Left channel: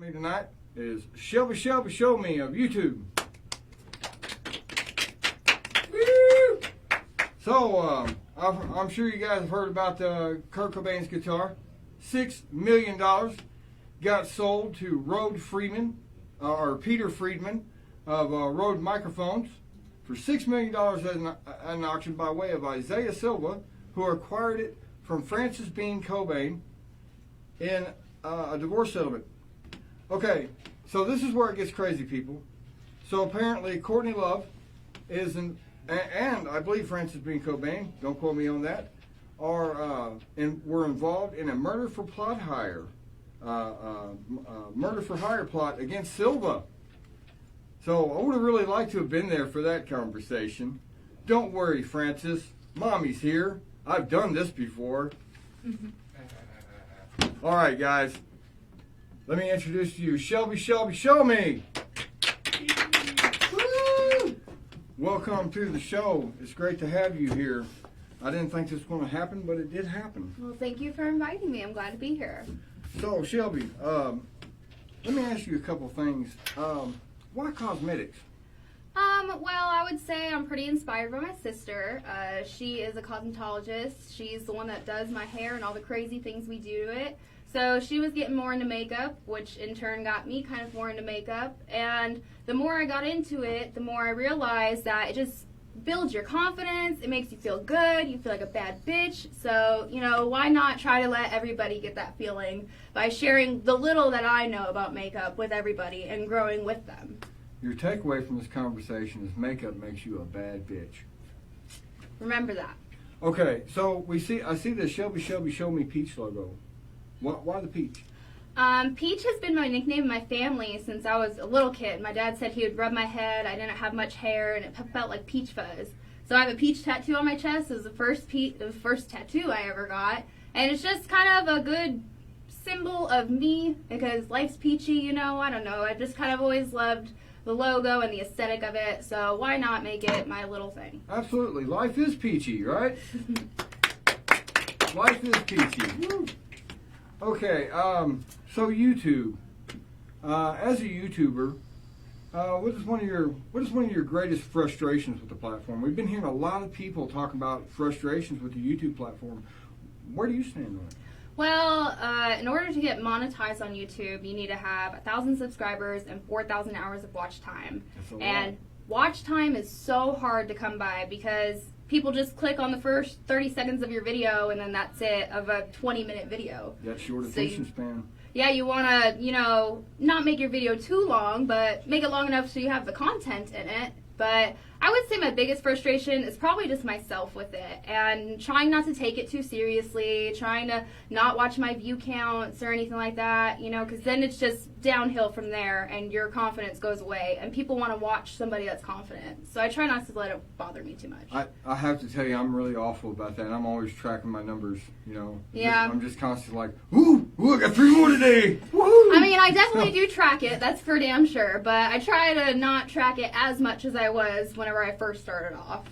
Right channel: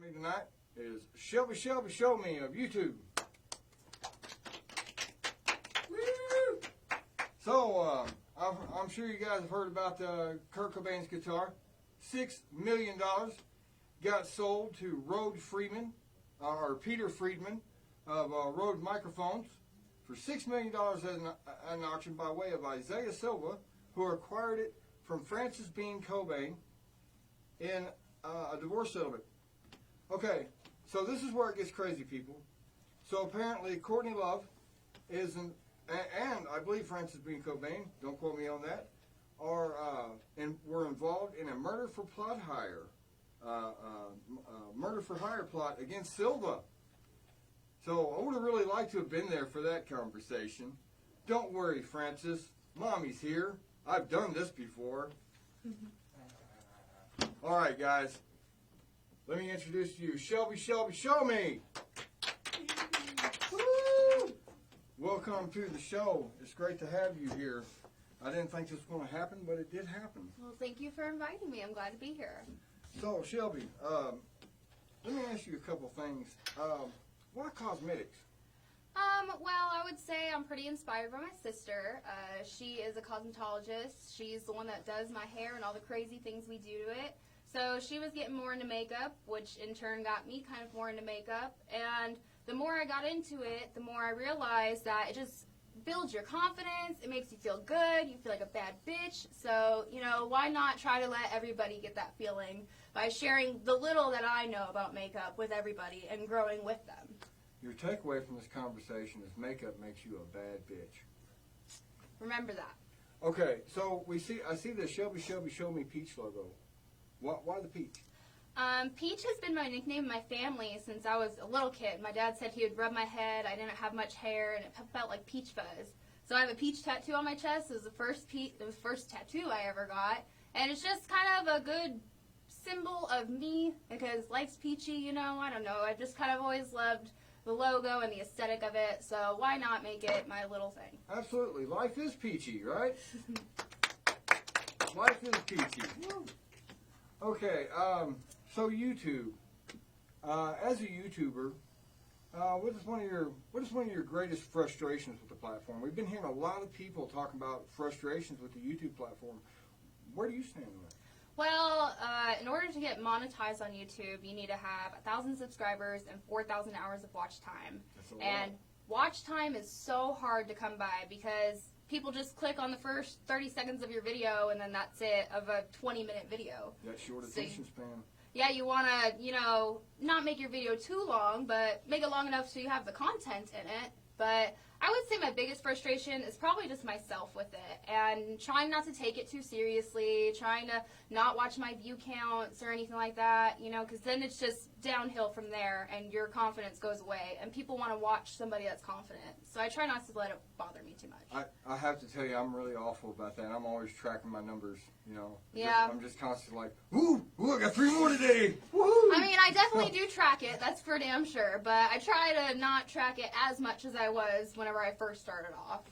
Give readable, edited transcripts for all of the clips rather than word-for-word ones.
Me tonight is Shelbyshelbyshowme of YouTube. Woo! So I'm sure you guys have heard about Kurt Cobain's guitar. $6 million got sold to Peter Friedman of Rode Microphones for $6 million at an auction by way of Isaiah Silva, who acquired it from Francis Bean Cobain in a divorce settlement. Okay, so this is where it gets crazy, people. So apparently Courtney Love and I believe Francis Bean Cobain, don't quote me on that, were involved in a murder for hire plot against Silva. So I would have really liked to have been there for that conversation. Don't worry, Francis. Mommy's here. I've done this before. All right, guys. Let me introduce to you Shelbyshelbyshowme. Woo! Welcome to the show. It's great to have you here. I didn't think this was going to happen, but it did happen. Well, thank you for inviting me. I'm glad to be here. So, Shelby, let me ask you a couple things. Why cosmetics? Well, I would say I'm pretty inspired by my sister. She is a cosmetologist. She's the one that does my hair and all the crazy things we do to it. So she was getting more into makeup, which in turn got me kind of more into makeup. And the more I got into it, the more I realized that it just builds your confidence. It makes you feel good. You feel like a bad bitch. So, why not try to let everybody get that feeling by sharing the little that I know about makeup with everybody and growing with them. Your takeaway from this conversation is makeup makes you a bad bitch. Remember that. Okay, so I see the Shelbyshelbyshowme peach logo. Why the peach? Peach has been my nickname in my family since I was a little kid. My dad said he would rub my head. I didn't have much hair, and it felt like peach fuzz. So I have a peach tattoo on my chest. It was the first tattoo I ever got, and it's just kind of a good symbol of me because life's peachy. I don't know. I just kind of always loved the logo and the aesthetic of it. So why not make it my little thing? Absolutely, life is peachy, right? Life is peachy. Woo. Okay, so YouTube. As a YouTuber, what is one of your greatest frustrations with the platform? We've been hearing a lot of people talk about frustrations with the YouTube platform. Where do you stand on it? Well, in order to get monetized on YouTube, you need to have 1,000 subscribers and 4,000 hours of watch time. That's a lot. And watch time is so hard to come by because people just click on the first 30 seconds of your video and then that's it, of a 20-minute video. That short attention span. Yeah, you want to, not make your video too long, but make it long enough so you have the content in it. But I would say my biggest frustration is probably just myself with it and trying not to take it too seriously, trying to not watch my view counts or anything like that, because then it's just downhill from there and your confidence goes away and people want to watch somebody that's confident. So I try not to let it bother me too much. I have to tell you, I'm really awful about that. I'm always tracking my numbers, Yeah. I'm just constantly like, ooh, I got 3 more today. Woohoo! I mean, I definitely do track it, that's for damn sure, but I try to not track it as much as I was whenever I first started off.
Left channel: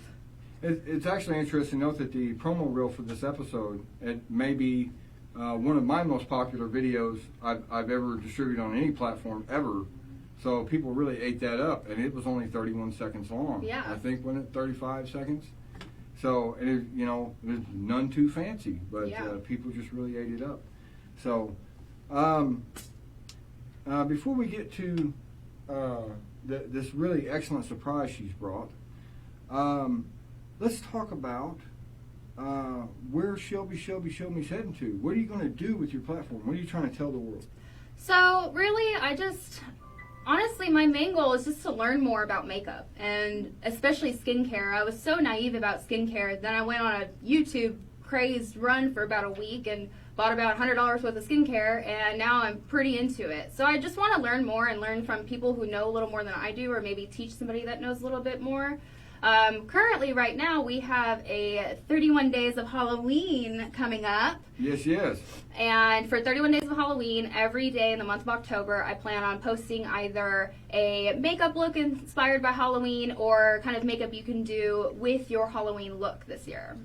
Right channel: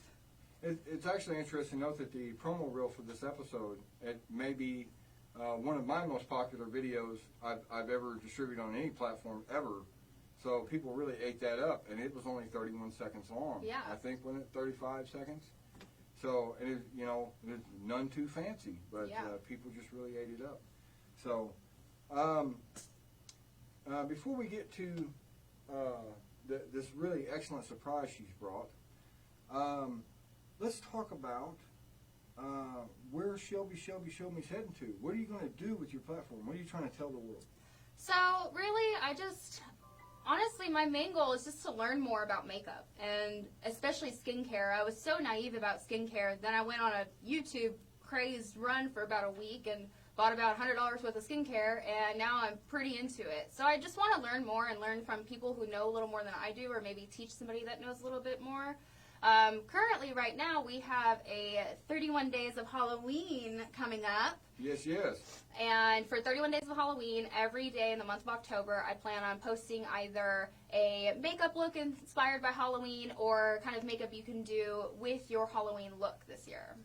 It's actually interesting to note that the promo reel for this episode, it may be one of my most popular videos I've ever distributed on any platform ever. So people really ate that up, and it was only 31 seconds long. Yeah. I think, wasn't it 35 seconds? So, and there's none too fancy, but yeah. People just really ate it up. So, before we get to this really excellent surprise she's brought, let's talk about where Shelbyshelbyshowme's heading to. What are you going to do with your platform? What are you trying to tell the world? So really, honestly, my main goal is just to learn more about makeup and especially skincare. I was so naive about skincare. Then I went on a YouTube crazed run for about a week and bought about $100 worth of skincare, and now I'm pretty into it. So I just want to learn more and learn from people who know a little more than I do, or maybe teach somebody that knows a little bit more. Currently, right now, we have a 31 Days of Halloween coming up. Yes. And for 31 Days of Halloween, every day in the month of October, I plan on posting either a makeup look inspired by Halloween or kind of makeup you can do with your Halloween look this year.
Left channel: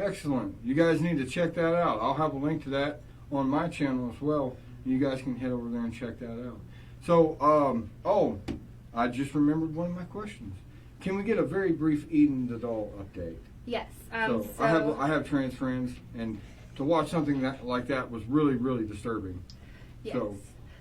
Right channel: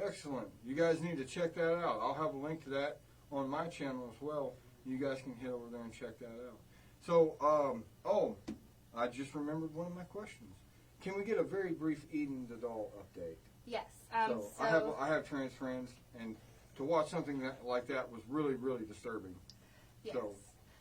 Excellent. You guys need to check that out. I'll have a link to that on my channel as well. You guys can head over there and check that out. So, I just remembered one of my questions. Can we get a very brief Eden the doll update? Yes. So I have trans friends, and to watch something like that was really, really disturbing. Yes.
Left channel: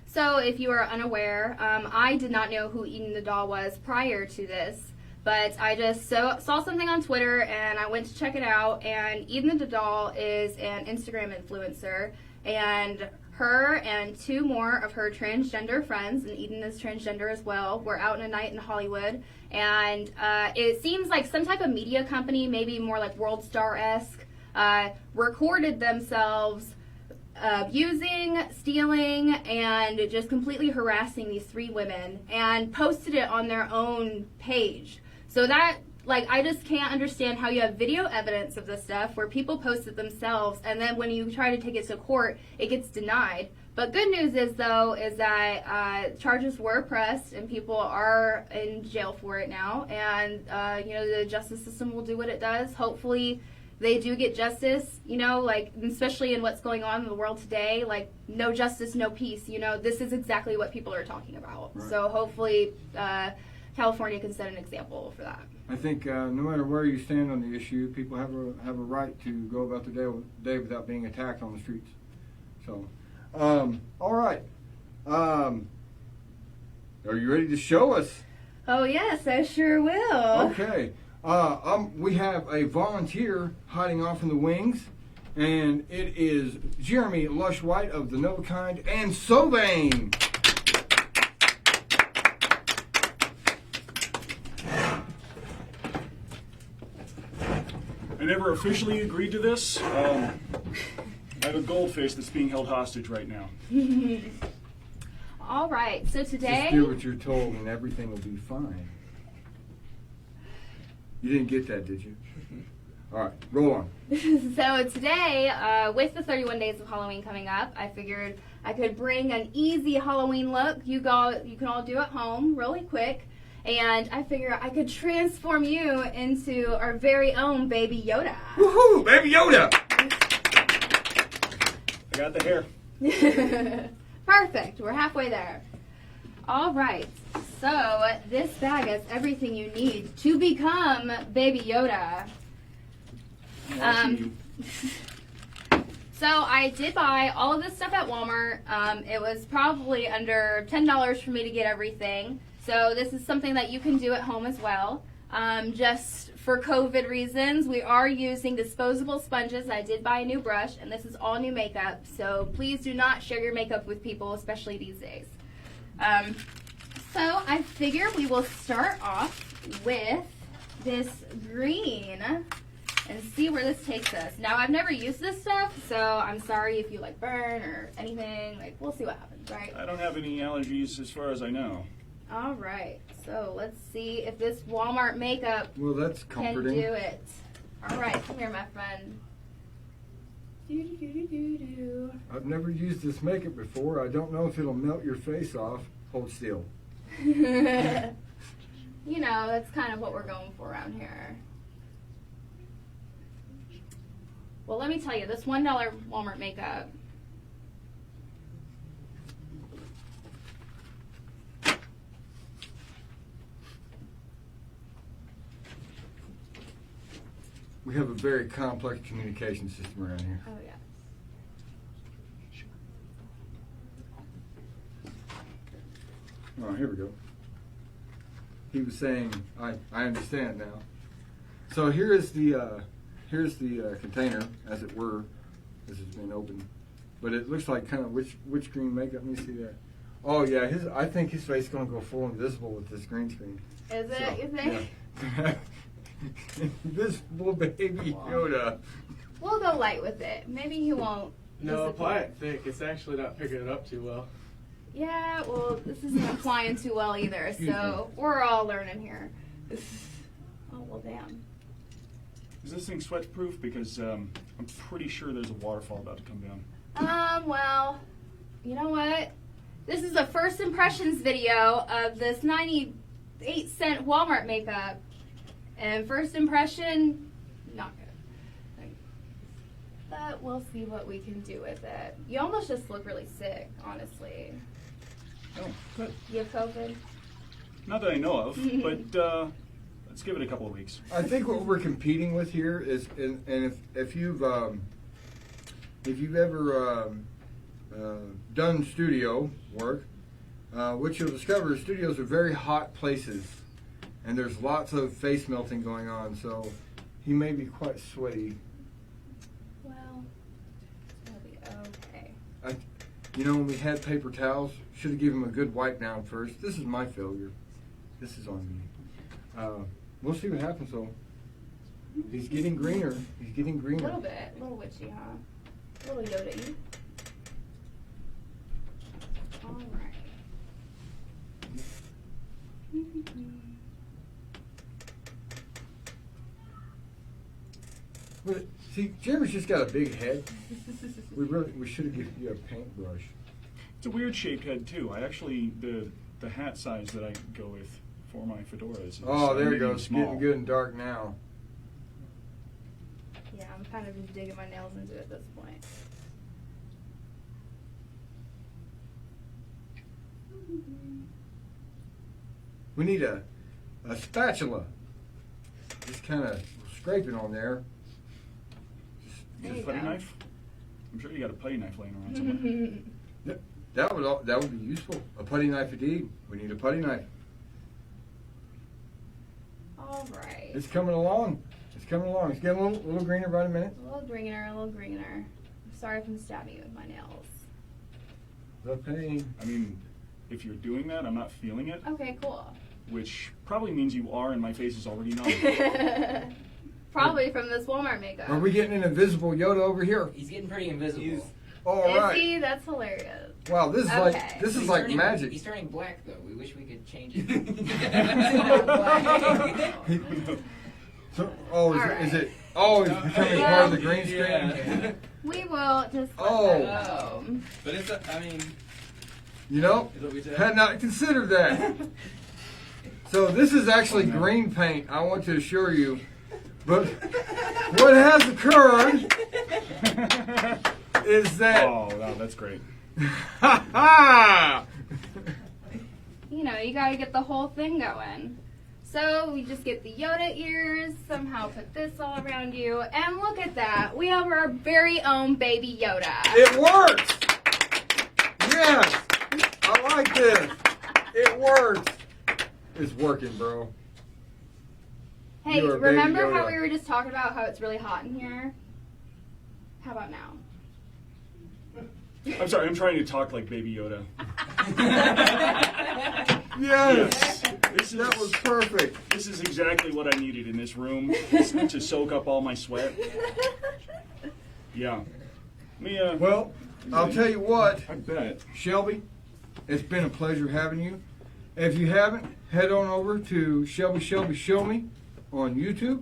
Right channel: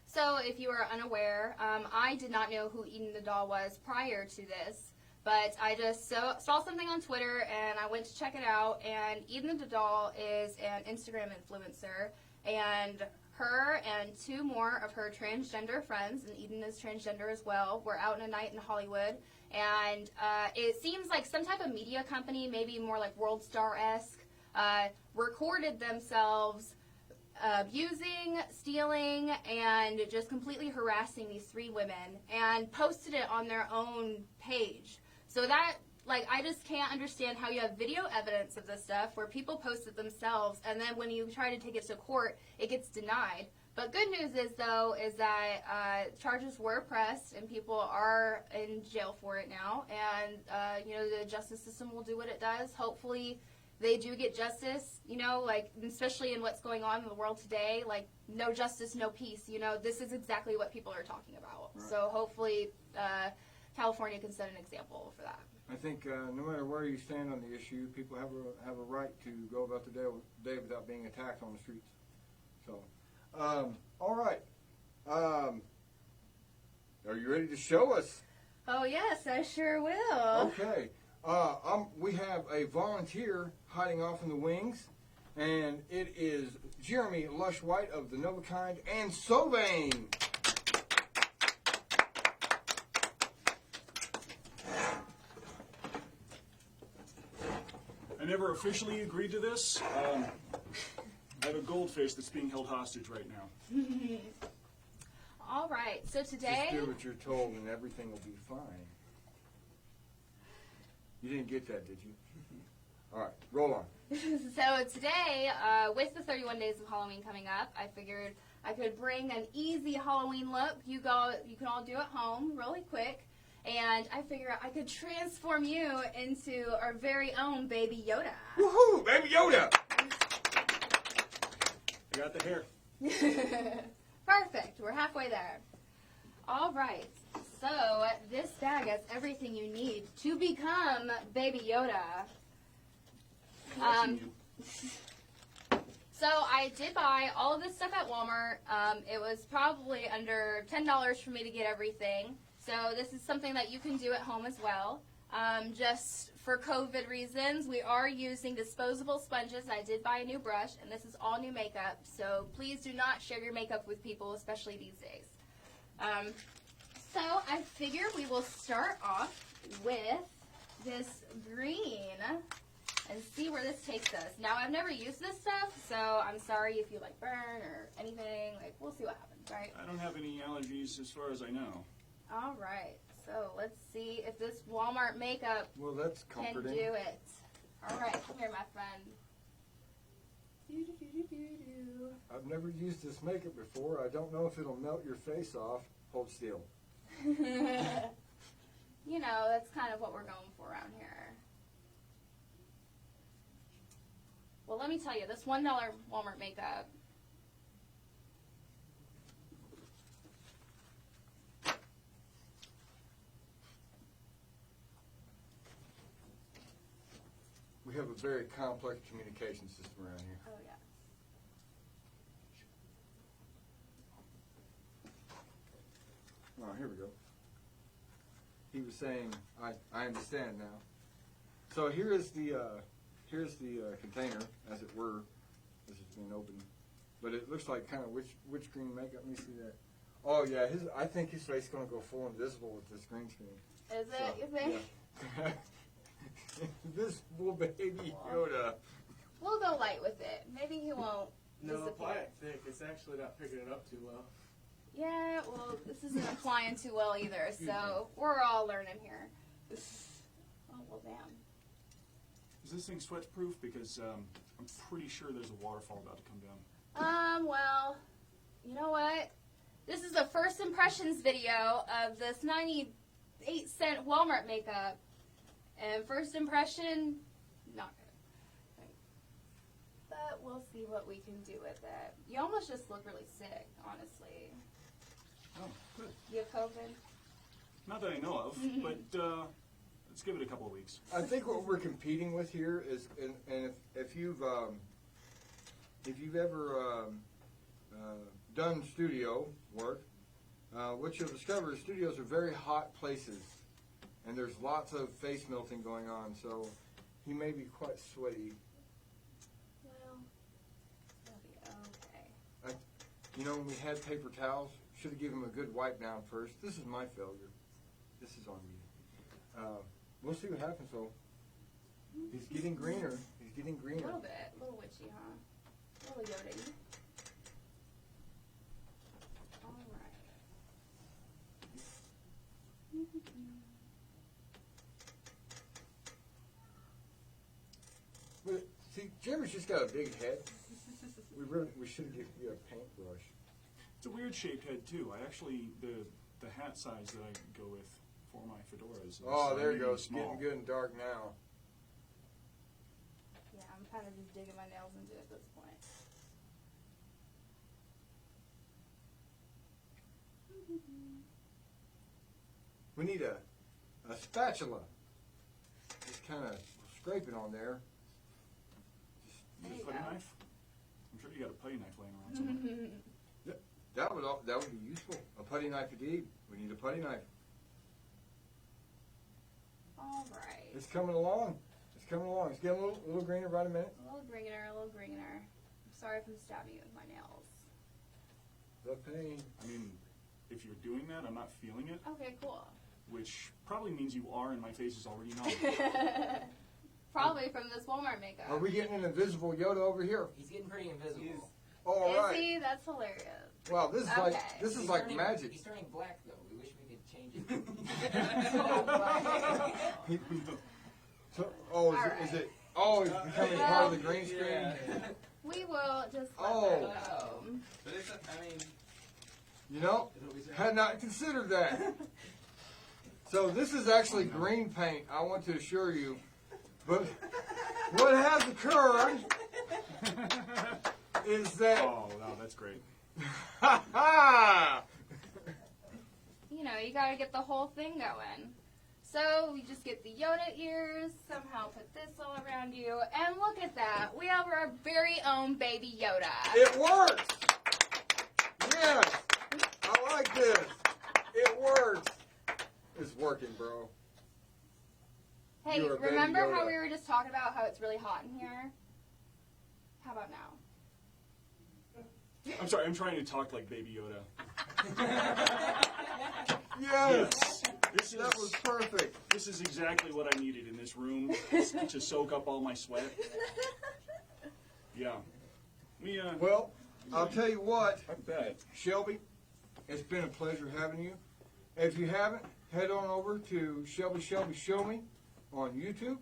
So if you are unaware, I did not know who Eden the doll was prior to this, but I just saw something on Twitter, and I went to check it out, and Eden the doll is an Instagram influencer, and her and two more of her transgender friends, and Eden is transgender as well, were out in a night in Hollywood, and it seems like some type of media company, maybe more like World Star-esque, recorded themselves abusing, stealing, and just completely harassing these three women and posted it on their own page. So that, like, I just can't understand how you have video evidence of this stuff where people post it themselves, and then when you try to take it to court, it gets denied. But good news is, though, is that charges were pressed and people are in jail for it now, and the justice system will do what it does. Hopefully they do get justice, like, especially in what's going on in the world today, like, no justice, no peace, this is exactly what people are talking about. Right. So hopefully California can set an example for that. I think no matter where you stand on the issue, people have a right to go about their day without being attacked on the streets. So, all right. Are you ready to show us? Oh, yes, I sure will. Okay. We have a volunteer hiding off in the wings, and it is Jeremy Lush White of the Novakind and Soveign. I never officially agreed to this. I have a goldfish that's being held hostage right now. All right, so today... Just do what you're told and everything will be fine. You didn't get that, did you? All right, roll on. So today, with the 31 days of Halloween coming up, I figured I could bring an easy Halloween look you can all do at home really quick. And I figure I could transform you into our very own Baby Yoda. Woohoo! Baby Yoda! I got the hair. Perfect. We're halfway there. All right. So this bag has everything you need to become Baby Yoda. So I did buy all of this stuff at Walmart. It was probably under $10 for me to get everything. So this is something that you can do at home as well. Just for COVID reasons, we are using disposable sponges. I did buy a new brush, and this is all new makeup. So please do not share your makeup with people, especially these days. So I figure we will start off with this green and see where this takes us. Now, I've never used this stuff, so I'm sorry if you like burn or anything. Like, we'll see what happens, right? I don't have any allergies as far as I know. All right, so let's see if this Walmart makeup that's comforting. can do it. All right, come here, my friend. Do. I've never used this makeup before. I don't know if it'll melt your face off. Hold still. That's kind of what we're going for around here. Well, let me tell you, this $1 Walmart makeup, We have a very complex communication system around here. oh yeah. Oh, here we go. He was saying, I understand now. So here's the container, as it were. This has been opened, but it looks like kind of which green makeup. Let me see that. Oh yeah, I think his face is going to go full invisible with this green screen. Is it? You think? Yeah. Invisible Baby Yoda. We'll go light with it. Maybe he won't. No, apply it thick. It's actually not picking it up too well. Yeah, well, this isn't applying too well either, so we're all learning here. Oh, well, damn. Is this thing sweat proof? Because I'm pretty sure there's a waterfall about to come down. Well, you know what? This is a first impressions video of this 98-cent Walmart makeup. And first impression, not good. But we'll see what we can do with it. You almost just look really sick, honestly. Oh, good. You have COVID? Not that I know of, but let's give it a couple of weeks. I think what we're competing with here is, and if you've ever done studio work, what you'll discover is studios are very hot places, and there's lots of face melting going on. So he may be quite sweaty. Well, it'll be okay. You know, when we had paper towels, should have given him a good wipe down first. This is my failure. This is on me. We'll see what happens though. He's getting greener. He's getting A greener. little bit. A little witchy, huh? A little Yoda-y. Alright. But see, Jeremy's just got a big head. We should have given you a paintbrush. It's a weird shaped head too. I actually the hat size that I go with for my fedoras is Oh, there you go. really It's small. getting good and dark now. Yeah, I'm kind of just digging my nails into it at this point. We need a spatula. Just kind of scraping on there. There Is you it a putty go. knife? I'm sure you got a putty knife laying around somewhere. That would be useful. A putty knife indeed. We need a putty knife. Alright. It's coming along. It's coming along. It's getting a little greener by a minute. A little greener, a little greener. I'm sorry if I'm stabbing you with my nails. The pain. I mean, if you're doing that, I'm not feeling it, Okay, cool. which probably means you are, and my face is already numb. Probably from this Walmart makeup. Are we getting an invisible Yoda over here? He's getting pretty invisible. All Is right. he? That's hilarious. Wow, this is Okay. like He's like turning- magic. He's turning black though. We wish we could change it. So, All is right. it? Oh, it's becoming part of the green screen. Yeah. We will just let Oh. that go. But it's, I mean, You know, is what we said. had not considered that. So this is actually green paint, I want to assure you. But what has occurred is that Oh, wow, that's great. ha ha! You know, you gotta get the whole thing going. So we just get the Yoda ears, somehow put this all around you, and look at that. We have our very own baby Yoda. It works! Yes! I like this. It works. It's working, bro. Hey, You are baby remember how Yoda. we were just talking about how it's really hot in here? How about now? I'm sorry, I'm trying to talk like Baby Yoda. Yes! This That is, was perfect. this is exactly what I needed in this room, is to soak up all my sweat. Yeah. Mia, Well, I'll tell you what, I bet. Shelby, it's been a pleasure having you. If you haven't, head on over to Shelbyshelbyshowme on YouTube.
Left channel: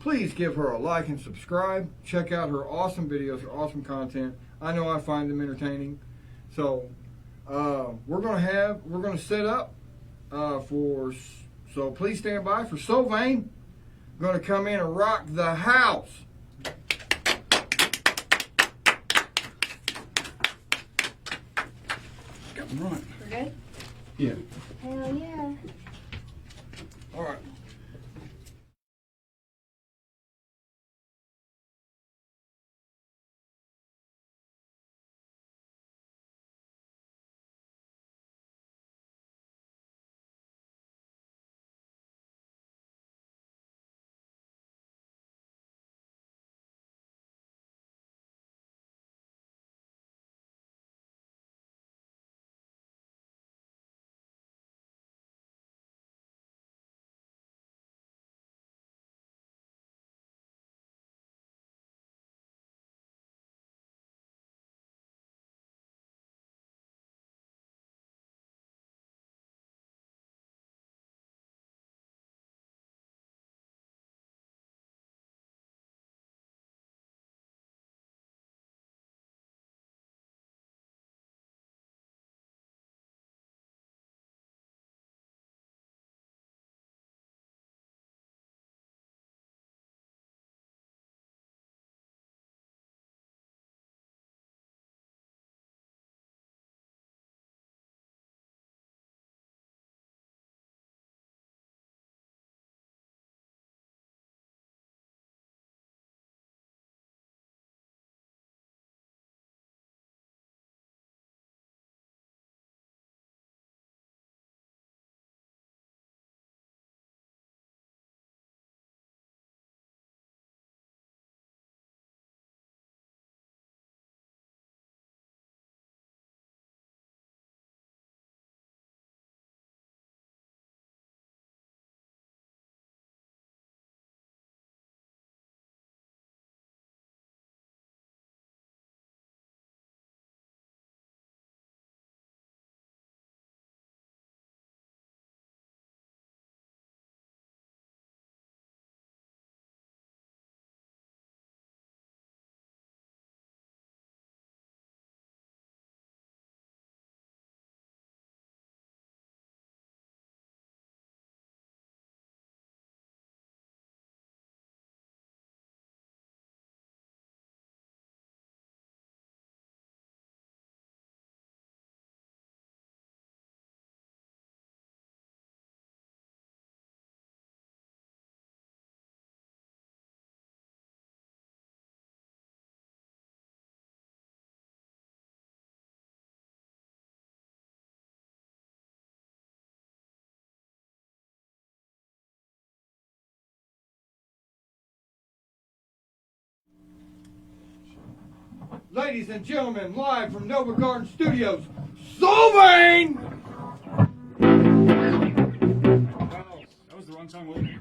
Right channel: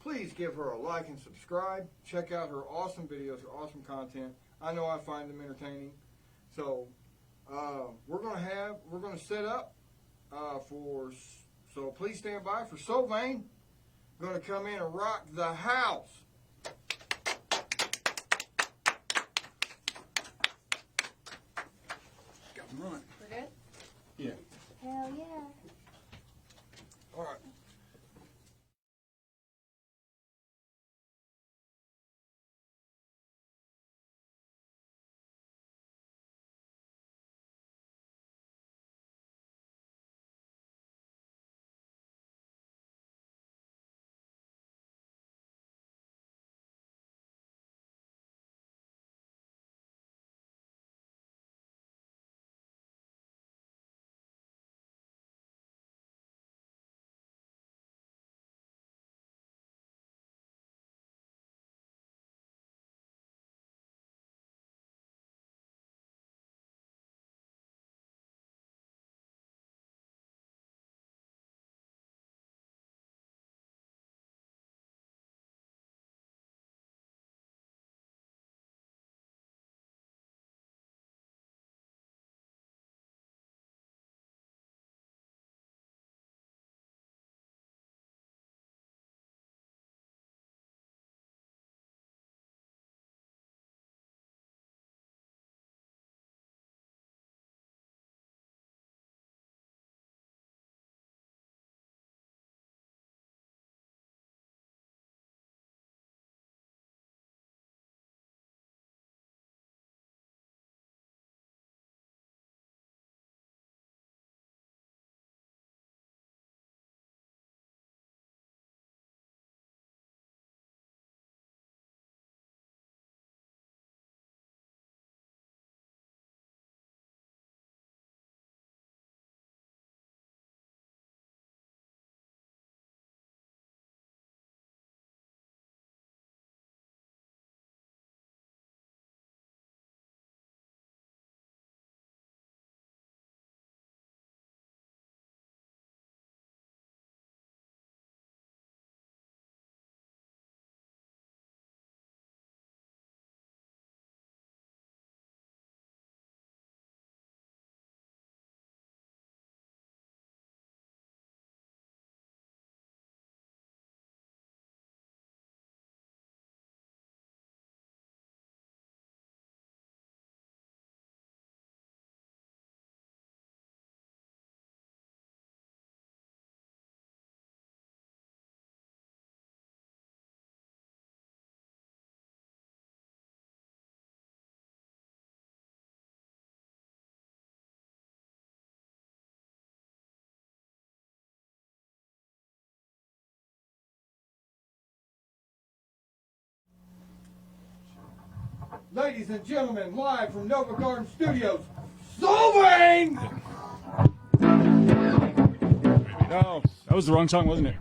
Please give her a like and subscribe. Check out her awesome videos, her awesome content. I know I find them entertaining. So we're gonna set up so please stand by for Soveign. Gonna come in and rock the house. Right. We're good? Yeah. Hell yeah. All right. ladies and gentlemen, live from Nova Garden Studios, Soveign! No, that was the wrong song, wasn't it?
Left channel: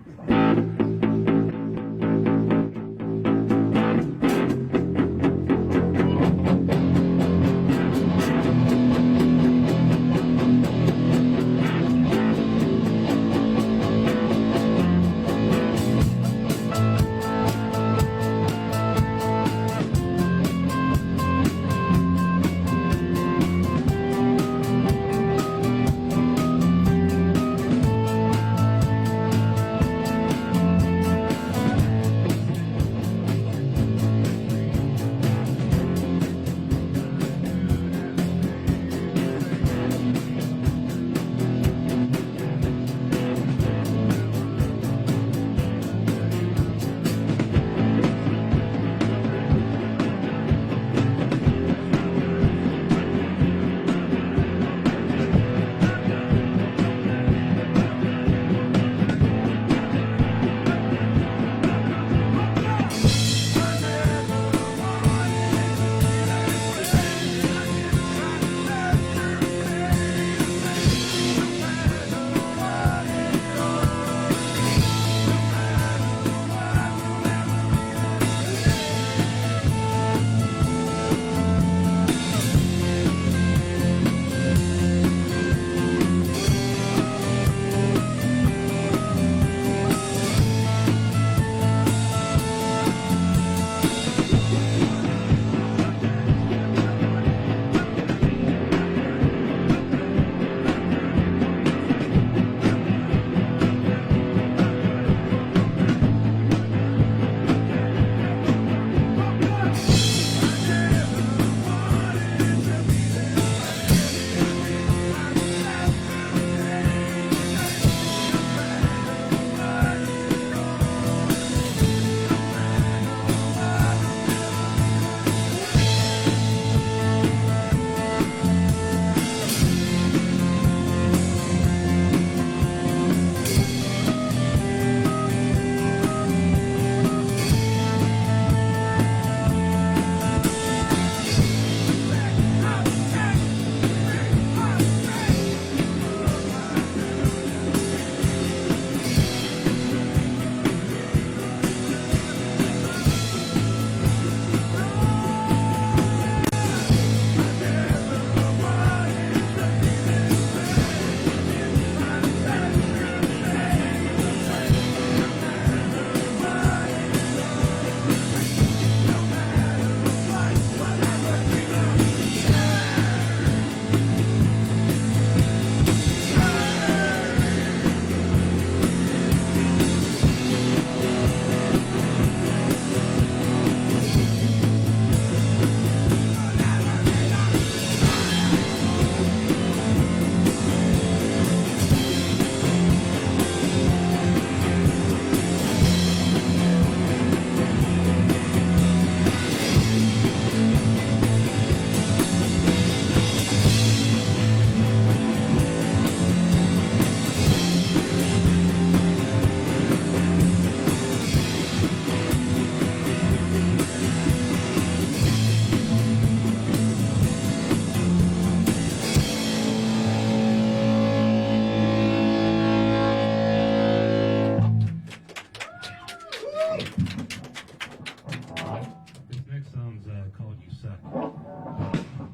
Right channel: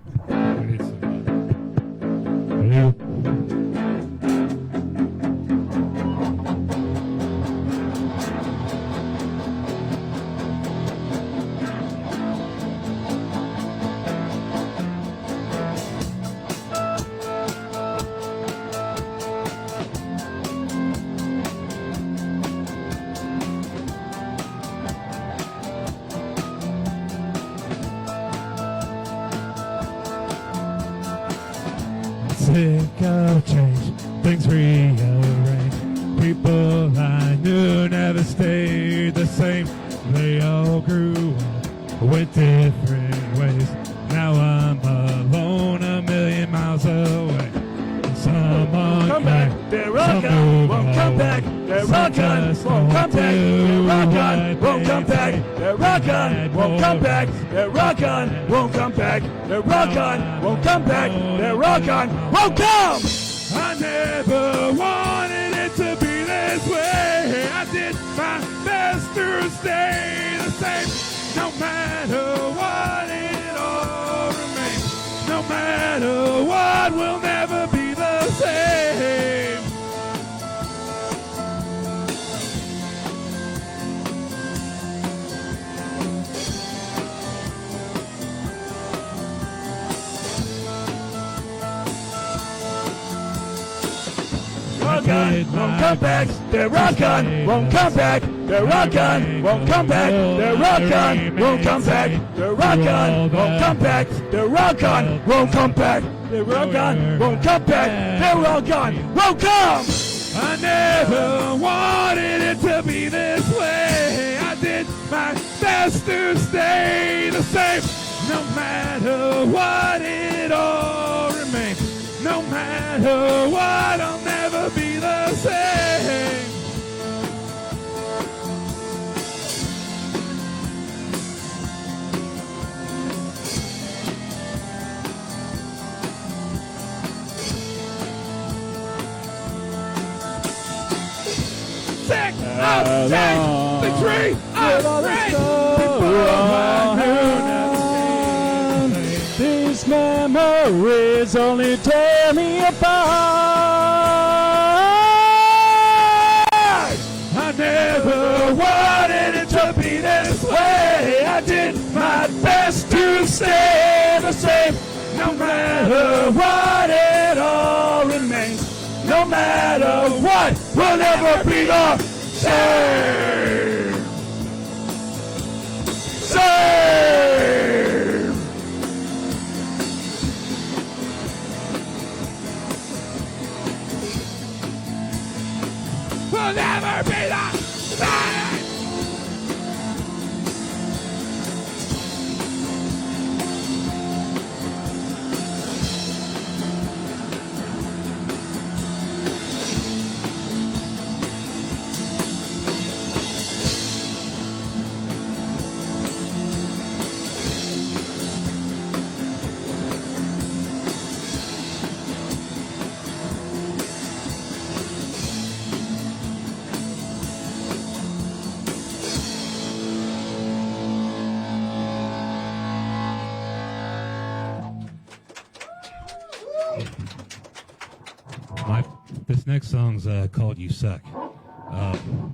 This next song's called "You Suck."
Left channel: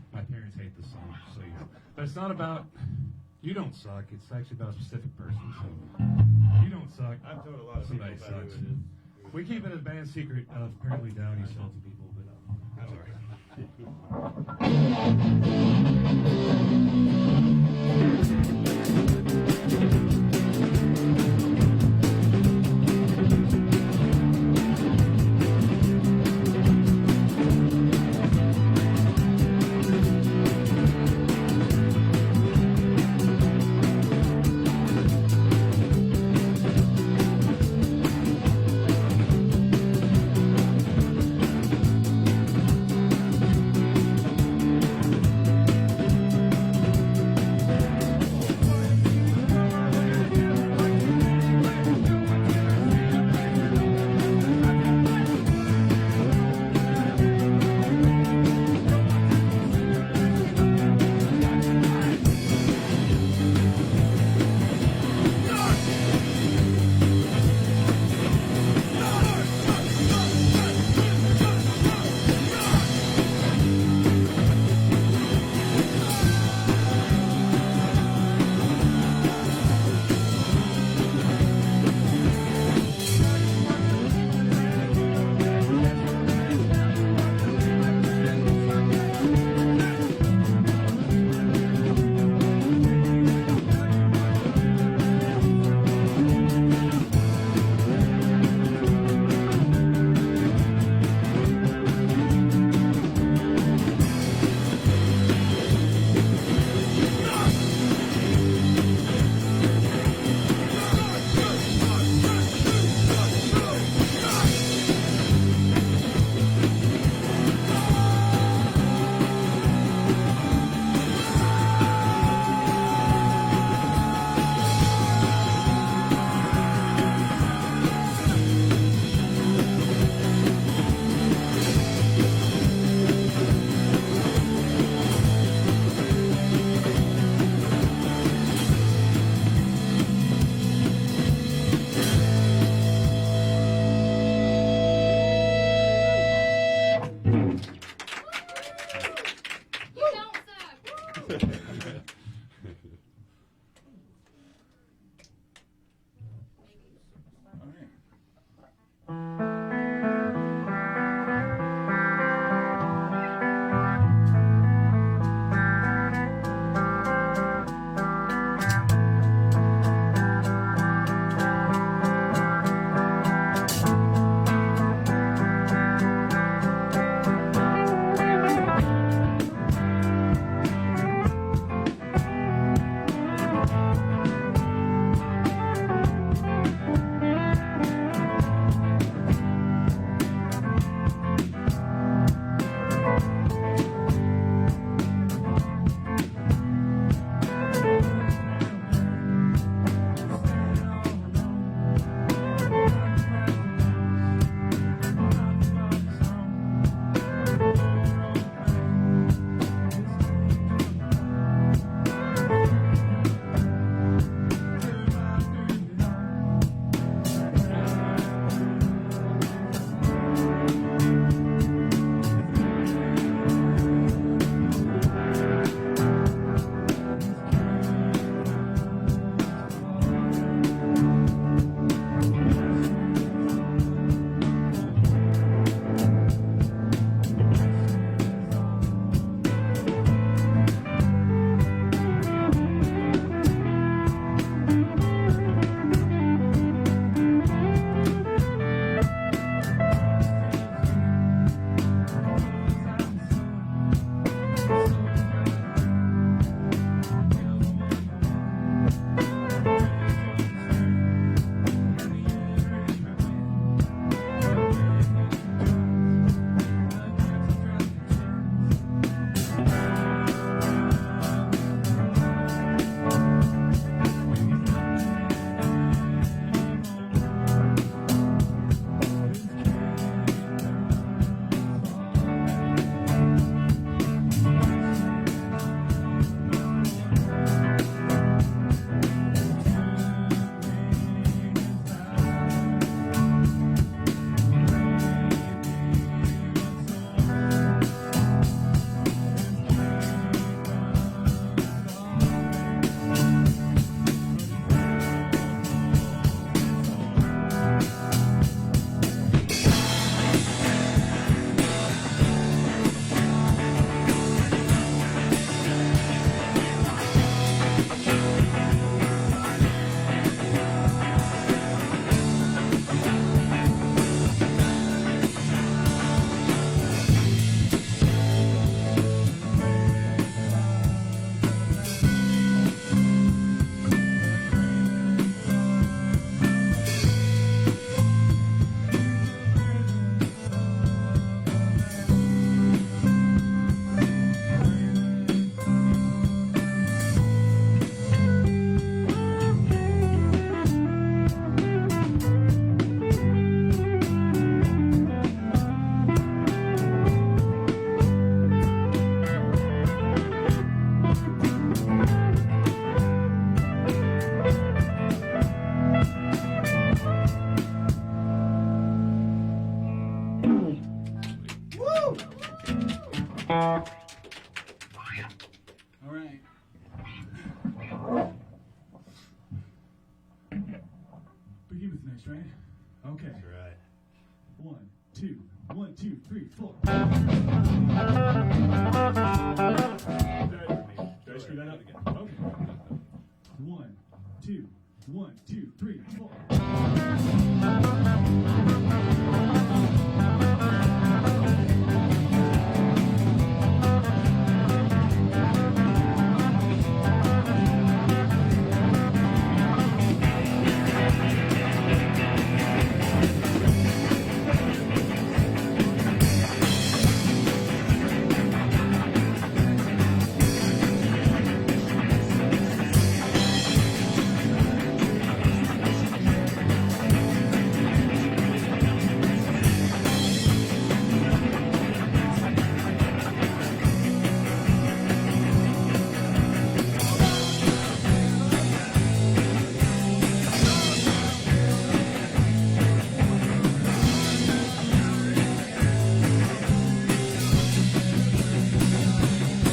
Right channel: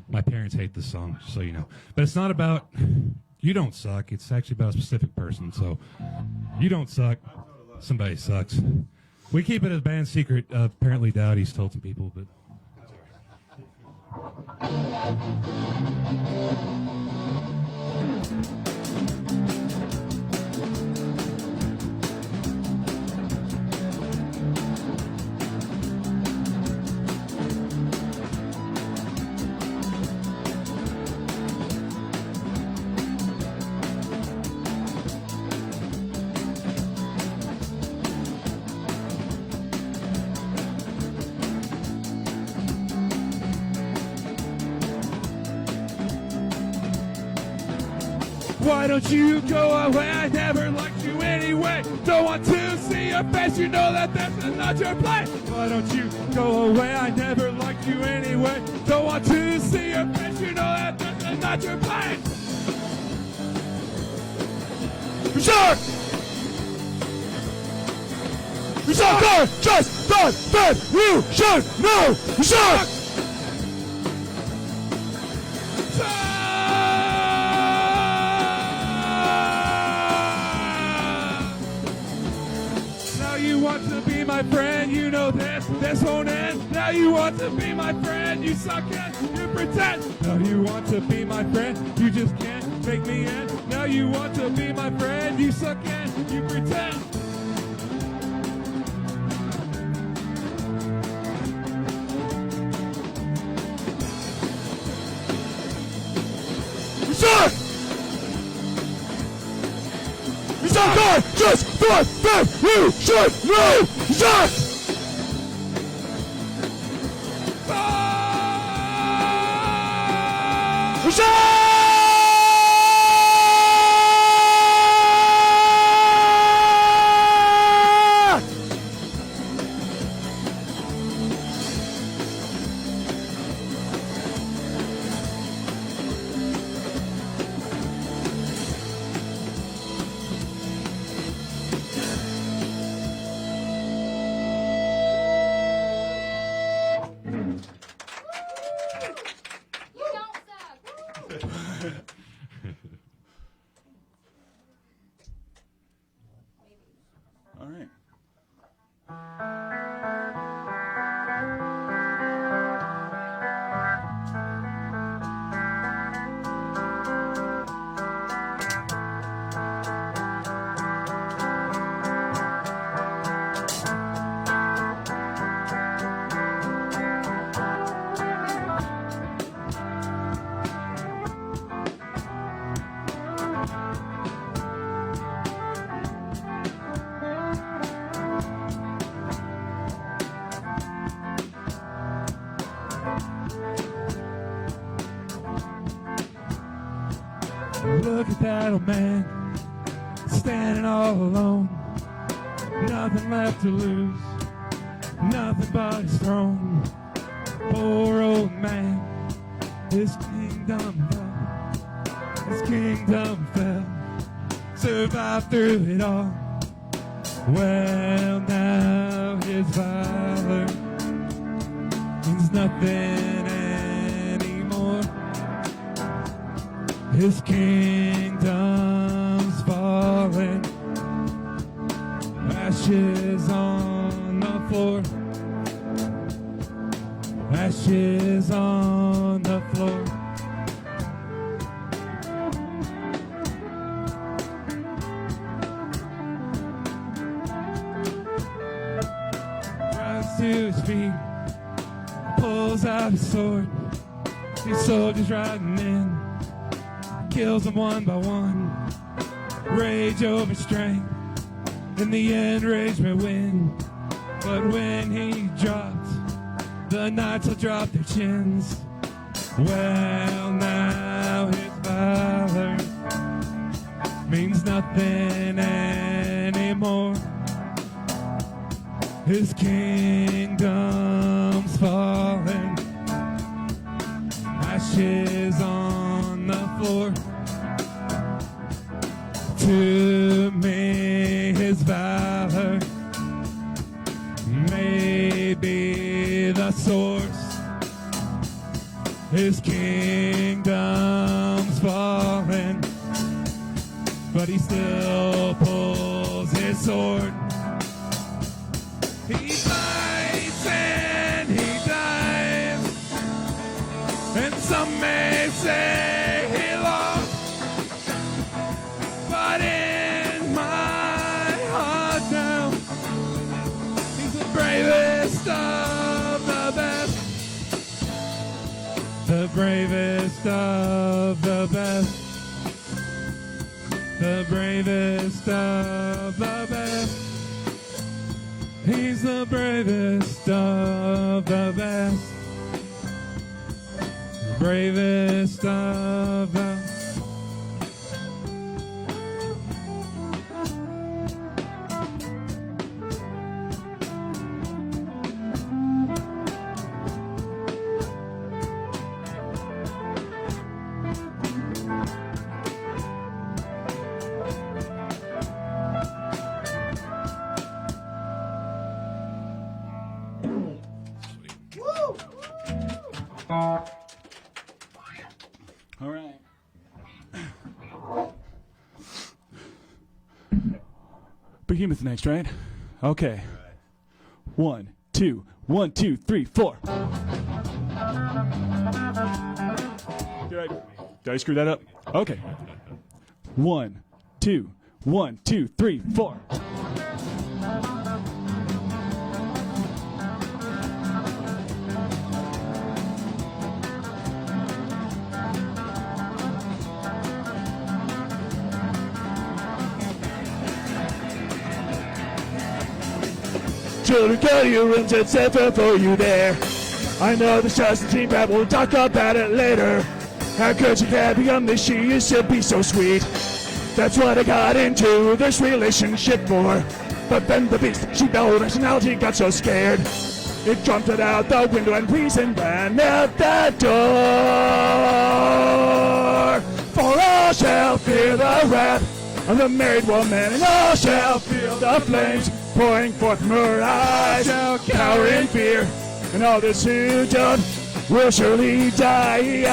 My parents hate this song, so you know. But it's not about you don't suck. It's actually about a specific person. So you don't suck. Somebody sucks. We keep it a band secret. Apparently, Dowdy's told some people, but. Why don't you go away? I never liked you anyway. Don't want to see your face, you know that this is not your place. Why don't you go away? I never liked you anyway. sucker just thought that you should know. You suck. Now you want to be my friend, you know this won't end. Now you want to be my friend, you suck it, you pretend. Now you want to be my friend, you just can't take me in. Now you want to be my friend, you suck it, you pretend. You suck! You suck on just thought that you should know! You suck! You You don't suck. All right. look at that old man, standing all alone. Nothing left to lose, nothing but his throne. Poor old man, his kingdom fell, survived through it all. Well, now his father means nothing anymore. His kingdom's falling, ashes on the floor, ashes on the floor. Rise to his feet, pulls out his sword, his soldiers riding in. Kills them one by one. Rage over strength. In the end, rage may win. But when he drops, the knights will drop their chins. Well, now his father means nothing anymore. His kingdom's falling. Ashes on the floor. To me, his valor may be the source. His kingdom's fall. Behemoth next, right? Okay. 1, 2, 1, 2, 3, 4. Did I screw that up? Okay. 1, 2, 1, 2, 3, 4. Children, go to your rooms and safer for you there. I know there's just a team, but we'll talk about it later. How could you have a young miss? She used to be so sweet. That's what I got into this relationship for. But then the beast she noticed, now she got so scared. It jumped it out the window and reasoned ran out the door. For all shall fear the wrath of the married woman, and all shall feel the flames pouring forth from her eyes. Shall cower in fear, and all those who don't will surely die.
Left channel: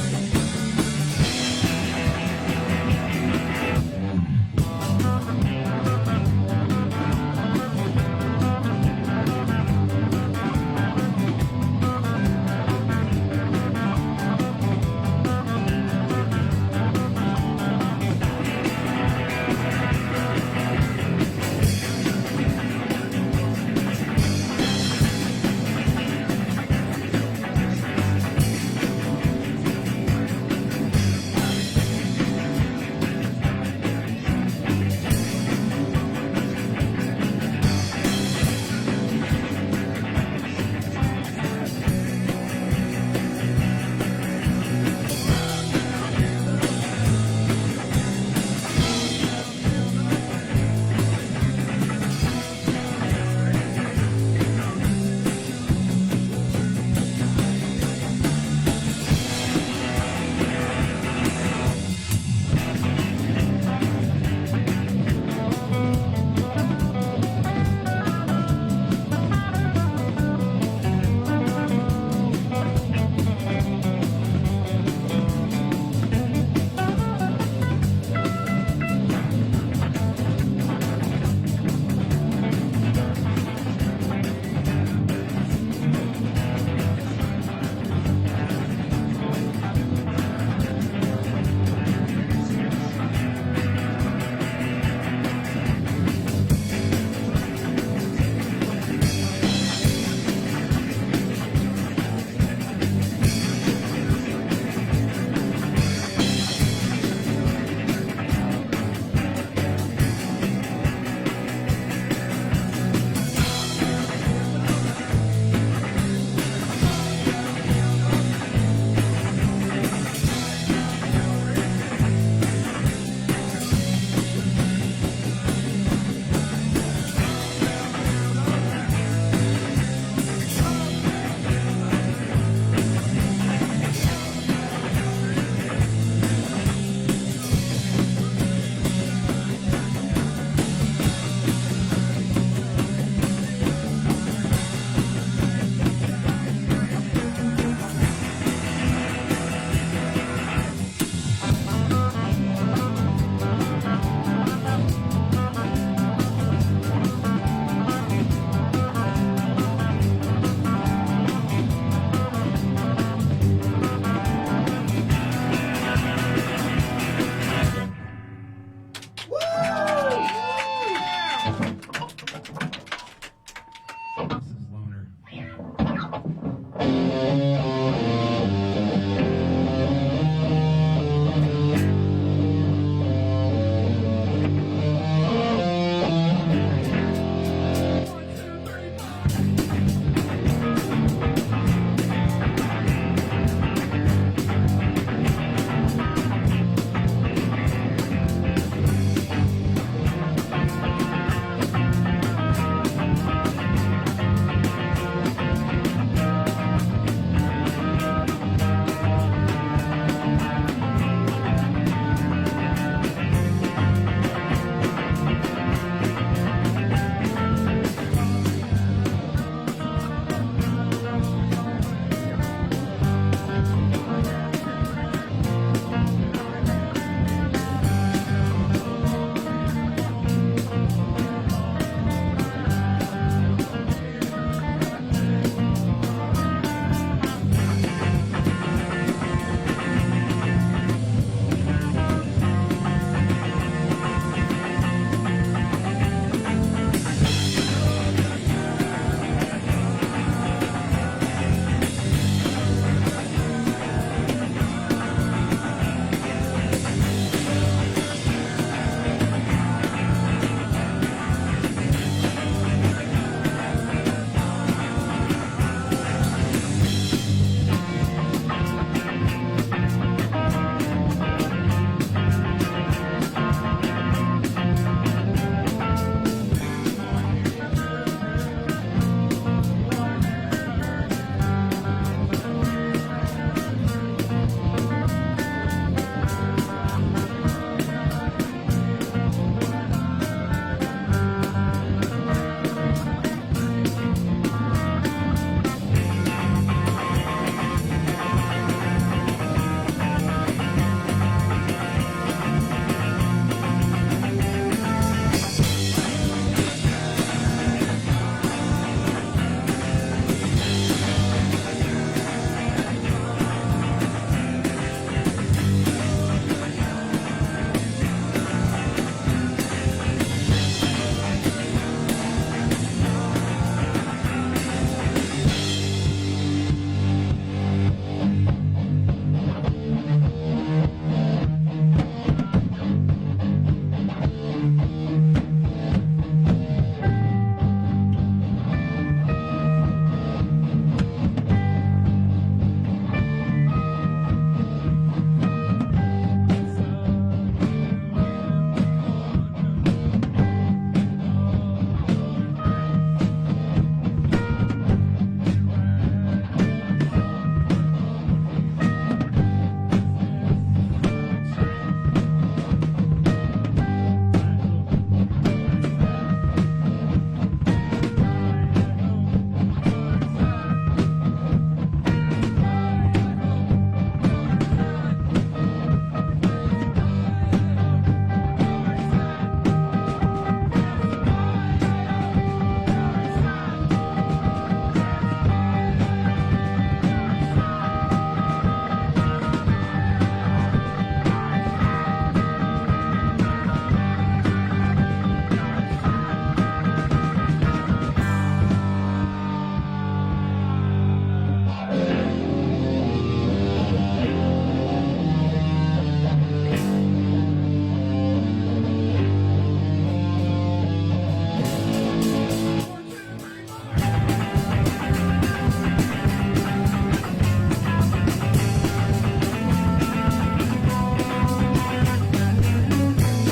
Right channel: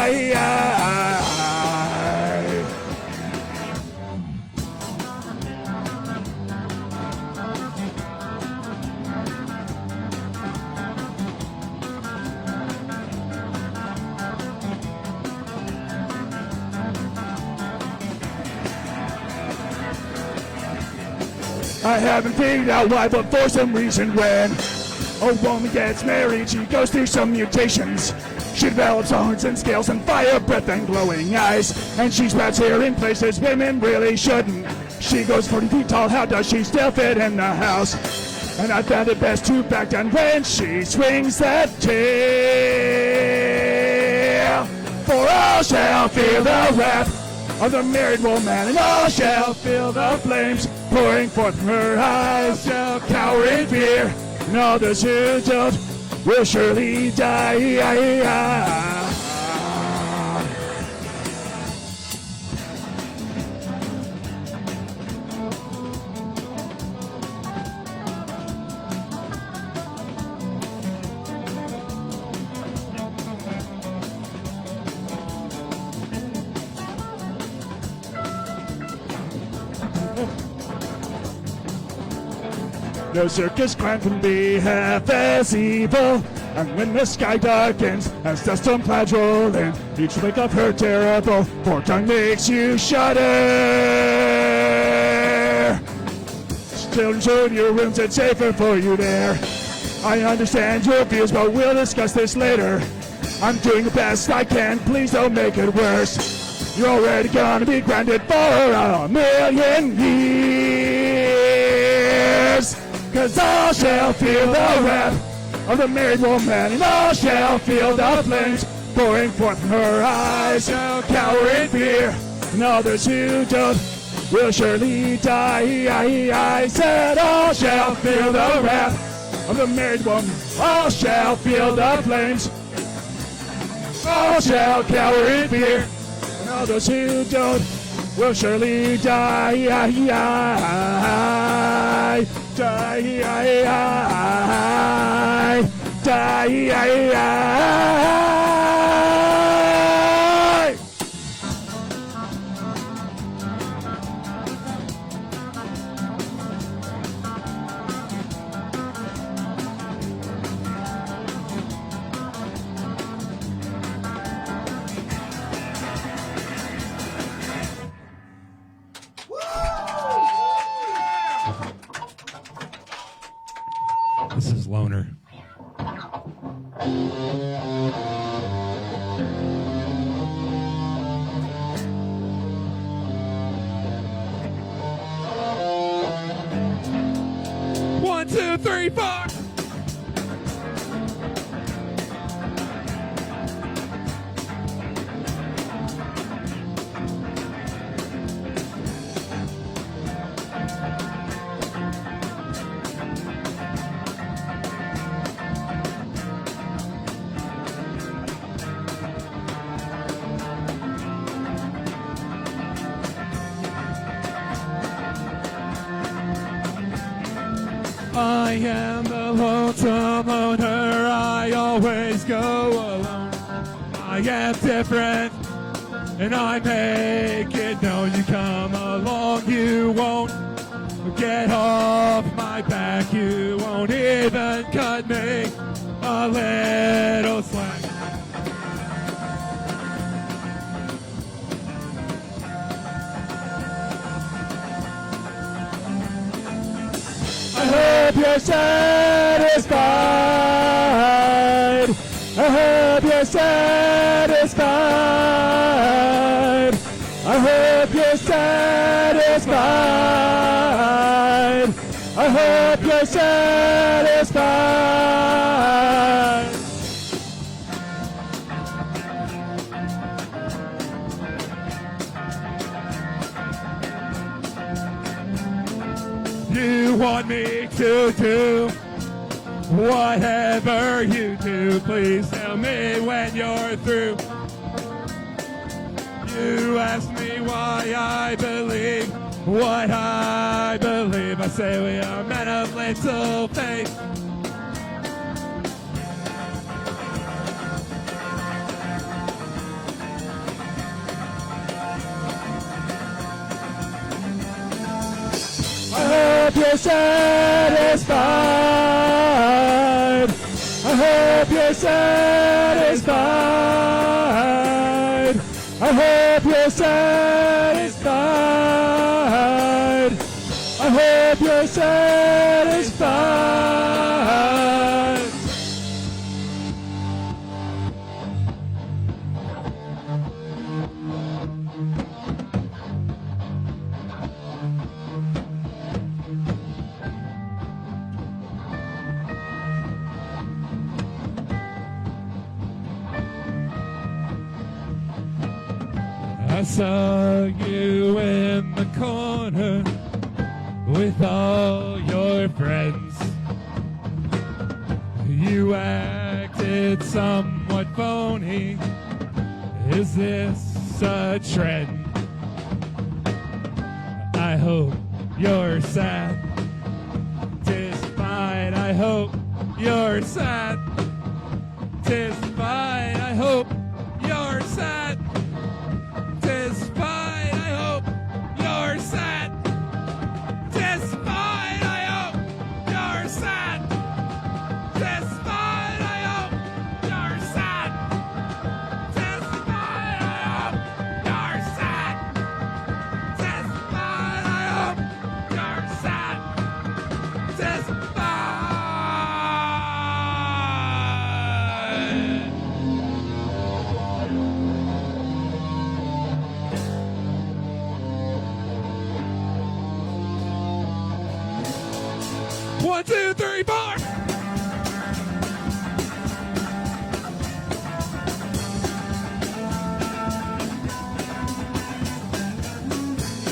I haven't figured out why, but for some reason when a woman gets married, she goes through some mutations. She develops horns and scales and fire breath and glowing eyes. And she sprouts hair in places women really shouldn't. She goes 40 feet tall, how does she still fit in the house? And I found it best to back down when she swings that tail. For all shall feel the wrath of the married woman, and all shall feel the flames pouring forth from her eyes. Shall cower in fear, and all those who don't will surely die. No circus clown can be half as evil. And when the sky darkens as dust and clouds roll in, each wake of her terrible forked tongue makes you shudder. Still in your rooms, it's safer for you there. I understand your fears, but we'll discuss this later. I'm doing the best I can, please don't make it worse. You're already gonna be grounded for a million years. 'Cause all shall feel the wrath of the married woman, and all shall feel the flames pouring forth from her eyes. Shall cower in fear, and others who don't will surely die. I said all shall feel the wrath of the married woman, all shall feel the flames, all shall cower in fear, and others who don't will surely die. This is Loner. One, two, three, four. I am the lonesome loner. I always go alone. I am different, and I make it known. You come along, you won't get hard. hope you're satisfied. I hope you're satisfied. I hope you're satisfied. I hope you're satisfied. You want me to do whatever you do. Please tell me when you're through. You ask me why I believe what I believe. I say we are men of little faith. I hope you're satisfied. I hope you're satisfied. I hope you're satisfied. I hope you're satisfied. I saw you in the corner with all your friends. You acted somewhat phony. Is this a trend? I hope you're sad. Despite, I hope you're sad. Despite, I hope you're sad. Despite, I hope you're sad. Despite, I hope you're sad. Despite, I hope you're sad. Despite, I hope you're sad. Despite, I hope you're sad. Despite. 1, 2, 3, 4.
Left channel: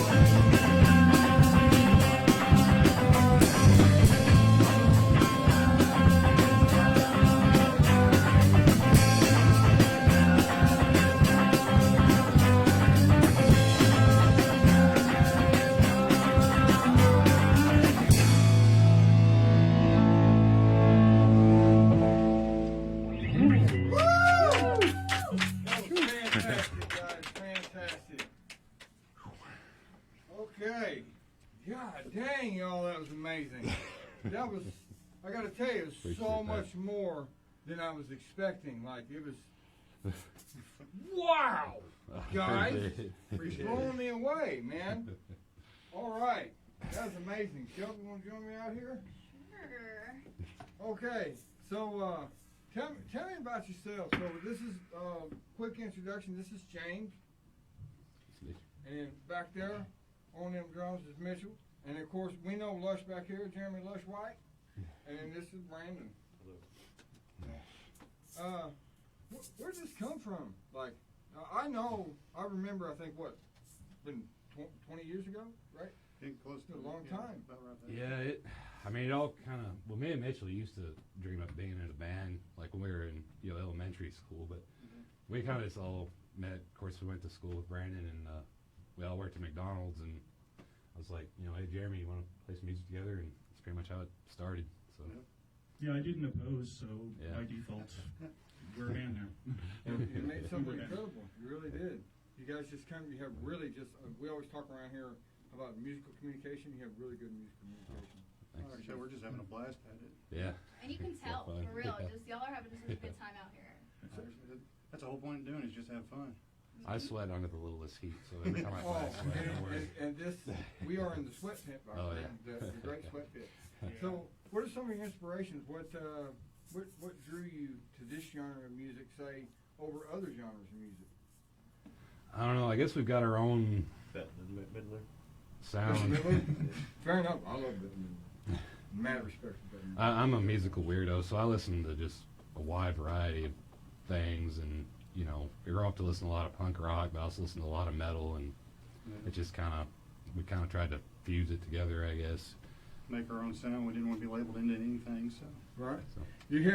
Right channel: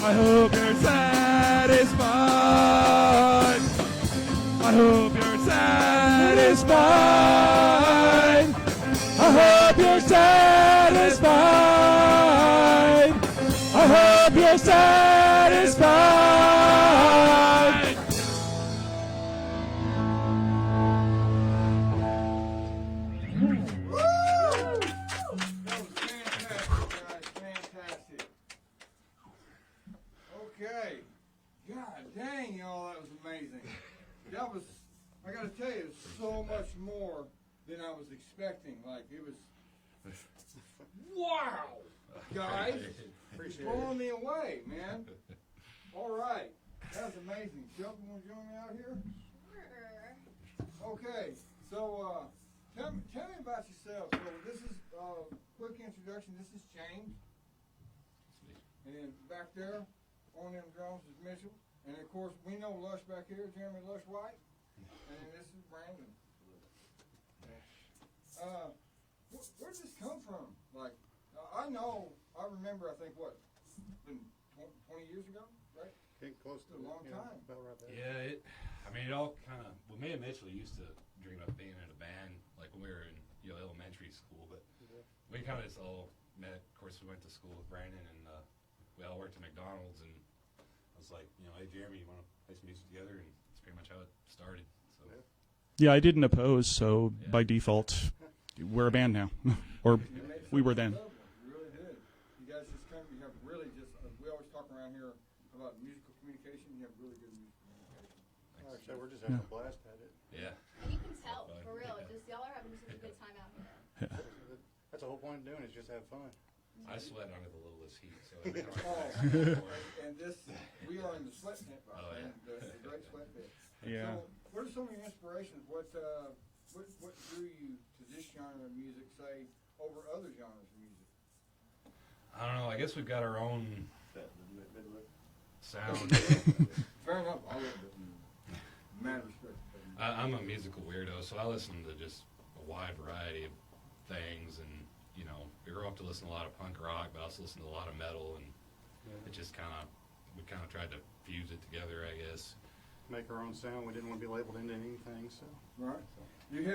I hope you're satisfied. I hope you're satisfied. I hope you're satisfied. I hope you're satisfied. Fantastic, guys. Fantastic. Okay. God dang, y'all, that was amazing. That was, I gotta tell you, it was so much more than I was expecting. Like, it was, wow, guys. Blowing me away, man. All right. That was amazing. Shelby, want to join me out here? Sure. Okay, so tell me about yourself. So this is quick introduction. This is James, and back there on them drums is Mitchell, and of course we know Lush back here, Jeremy Lush White, and then this is Brandon. Where did this come from? Like, I remember. I think what, been 20 years ago, right? Getting close to A long time. About right there. Yeah, it all kind of. Well, me and Mitchell used to dream of being in a band, like when we were in elementary school. But we kind of just all met. Of course, we went to school with Brandon, and we all worked at McDonald's. And I was like, hey Jeremy, you want to play some music together? And that's pretty much how it started. So. Yeah, I didn't oppose, so by default, we're a band now. Or we were then. You really did. You guys just you have really just, we always talk around here about musical communication. You have really good musical communication. Thanks. We're just having a blast at it. Yeah. And you can tell, for real. Just y'all are having such a good time out here. That's the whole point of doing it, is just have fun. I sweat under the littlest heat, so every time I Oh, play, and this, we are in the sweat pit, Oh, yeah. the great sweat pit. Yeah. So, what are some of your inspirations? What drew you to this genre of music, say, over other genres of music? I don't know. I guess we've got our own sound. Fair enough. I love it. Mad respect for that. I'm a musical weirdo, so I listen to just a wide variety of things, and you know, you grow up to listen to a lot of punk rock, but I also listen to a lot of metal, and it just we kind of tried to fuse it together, I guess. Make our own sound. We didn't want to be labeled into anything, so. Right. Do you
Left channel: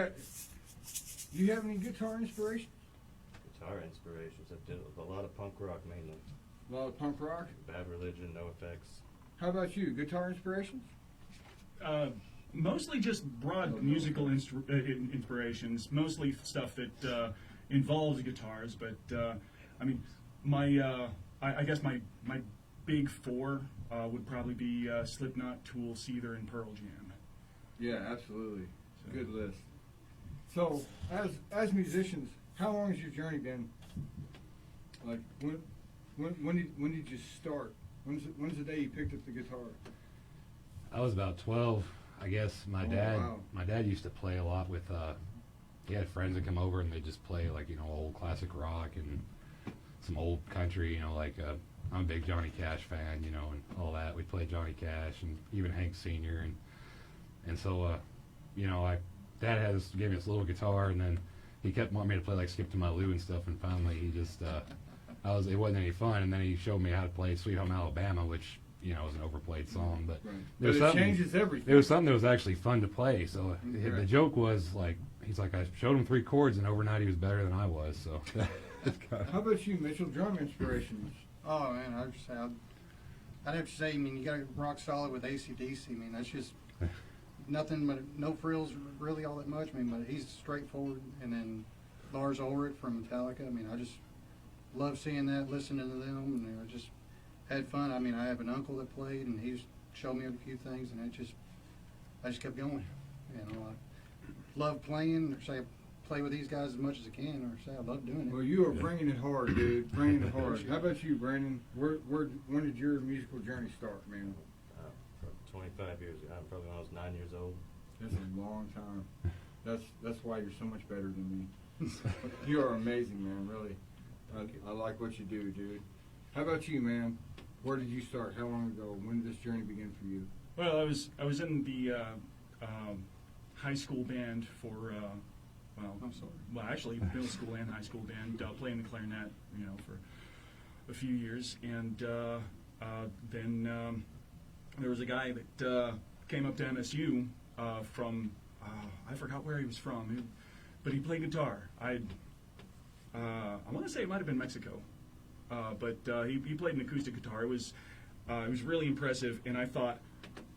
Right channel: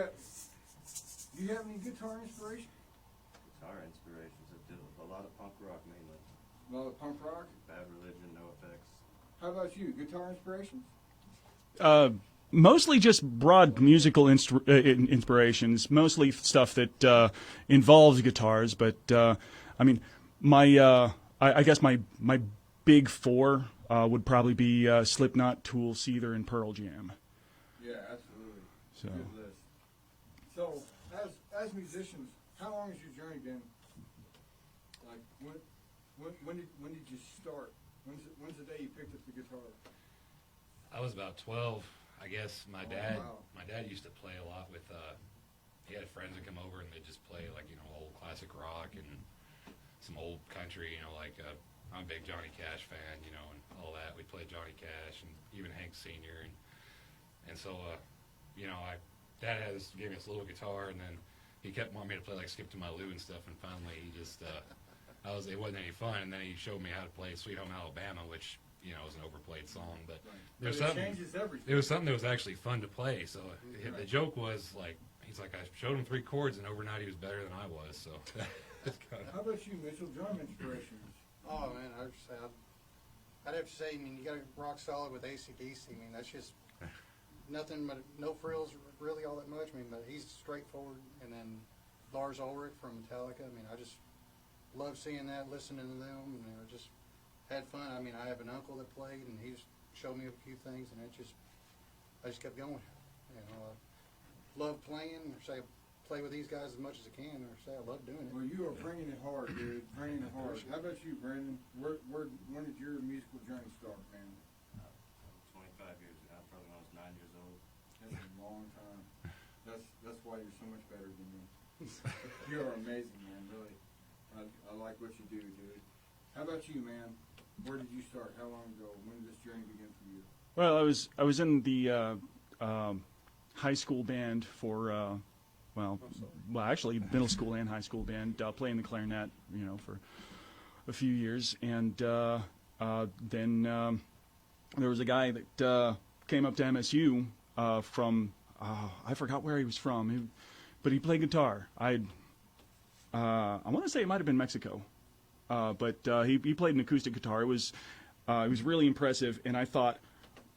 have any guitar inspiration? Guitar inspirations. I did a lot of punk rock mainly. A lot of punk rock. Bad Religion, No Effects. How about you? Guitar inspirations? Mostly just broad musical inspirations, mostly stuff that involves guitars. But I mean, I guess my big four would probably be Slipknot, Tool, Seether, and Pearl Jam. Yeah, absolutely. So. Good list. So, as musicians, how long has your journey been? Like, when did you start? When's the day you picked up the guitar? I was about 12, I guess. My dad used to play a lot with. He had friends that come over and they just play like old classic rock and some old country. Like I'm a big Johnny Cash fan, and all that. We played Johnny Cash and even Hank Sr. and so Dad gave me this little guitar, and then he kept wanting me to play like Skip to My Lou and stuff, and finally he just it wasn't any fun, and then he showed me how to play Sweet Home Alabama, which is an overplayed song, but But it changes everything. There was something that was actually fun to play. So the joke was like, he's like, I showed him 3 chords, and overnight he was better than I was. So how about you, Mitchell? Drum inspirations? Oh man, I'd have to say, I mean, you got to rock solid with AC/DC. I mean, that's just nothing but no frills really all that much. I mean, but he's straightforward. And then Lars Ulrich from Metallica. I mean, I just love seeing that, listening to them, and I just had fun. I mean, I have an uncle that played, and he showed me a few things, and I just kept going. I love playing, or say I play with these guys as much as I can, or say I love doing it. Well, you are bringing it hard, dude. Bringing it hard. How about you, Brandon? When did your musical journey start, man? From 25 years ago, probably when I was 9 years old. That's a long time. That's why you're so much better than me. You are amazing, man. Really, I like what you do, dude. How about you, man? Where did you start? How long ago? When did this journey begin for you? Well, I was in the high school band for actually middle school and high school band, playing the clarinet, for a few years, and then there was a guy that came up to MSU from I forgot where he was from, but he played guitar. I want to say it might have been Mexico. But he played an acoustic guitar. It was really impressive, and I thought,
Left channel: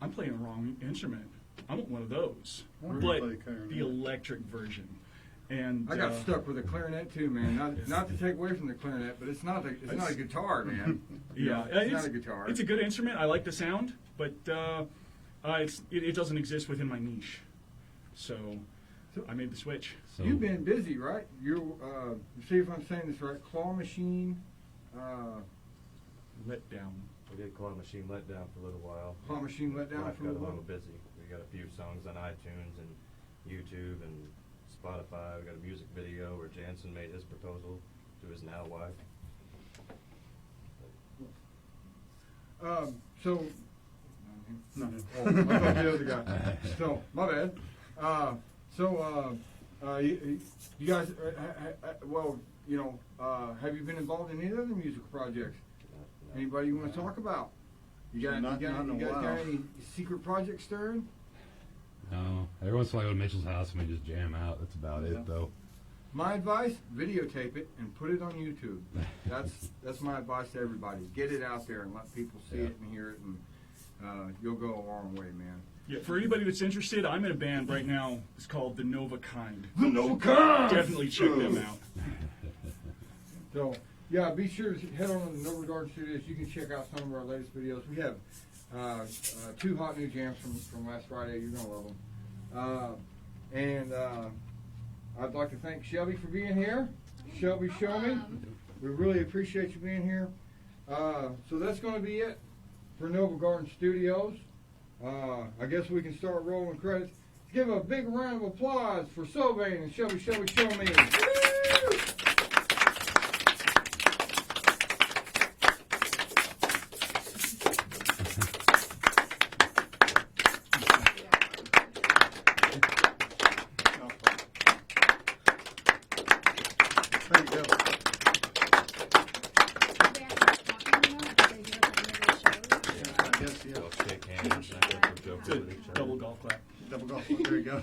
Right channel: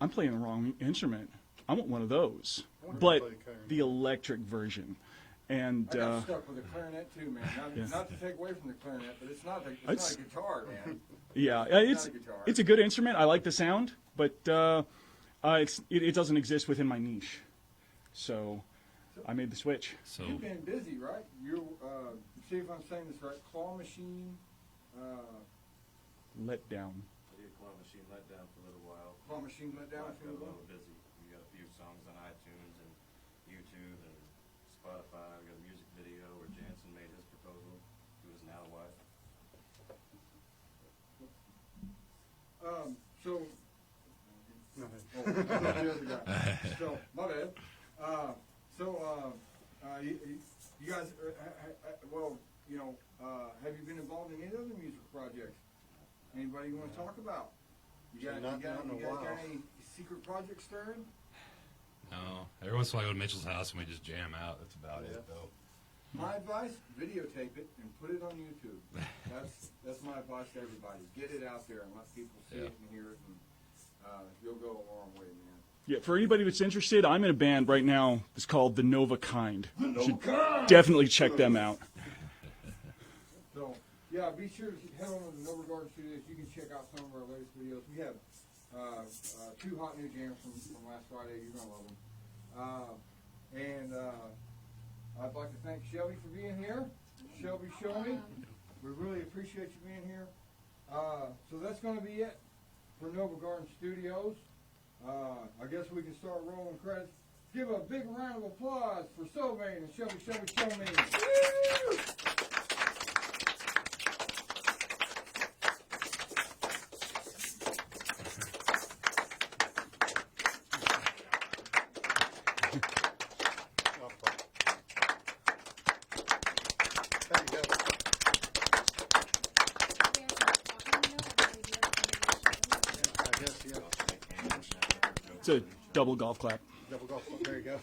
I'm playing the wrong instrument. I want one of those, but the electric version. And I got stuck with a clarinet too, man. Not to take away from the clarinet, but it's not a guitar, man. Yeah, it's not a guitar. It's a good instrument. I like the sound, but it doesn't exist within my niche. So I made the switch. So you've been busy, right? You see if I'm saying this right. Claw Machine. Let Down. We did Claw Machine Let Down for a little while. Claw Machine Let Down for a got a while. little busy. We got a few songs on iTunes and YouTube and Spotify. We got a music video where Jansen made his proposal to his now wife. So, oh, what about the other guy? So, my bad. You guys, have you been involved in any other musical projects? Anybody you want to talk about? You guys got any secret projects stirring? No. Every once in a while I go to Mitchell's house and we just jam out. That's about it, though. My advice: videotape it and put it on YouTube. That's my advice to everybody. Get it out there and let people see it and hear it, and you'll go a long way, man. Yeah, for anybody that's interested, I'm in a band right now. It's called The Nova Kind. The Nova Kind. Definitely check them out. So, yeah, be sure to head on to the Nova Garden Studios. You can check out some of our latest videos. We have 2 hot new jams from last Friday. You're gonna love them. And I'd like to thank Shelby for being here. Shelbyshelbyshowme. We really appreciate you being here. So that's going to be it for Nova Garden Studios. I guess we can start rolling credits. Give a big round of applause for Soveign and Shelbyshelbyshowme. Woo! There you go. I guess, yeah. It's a double golf clap. Double golf. There you go.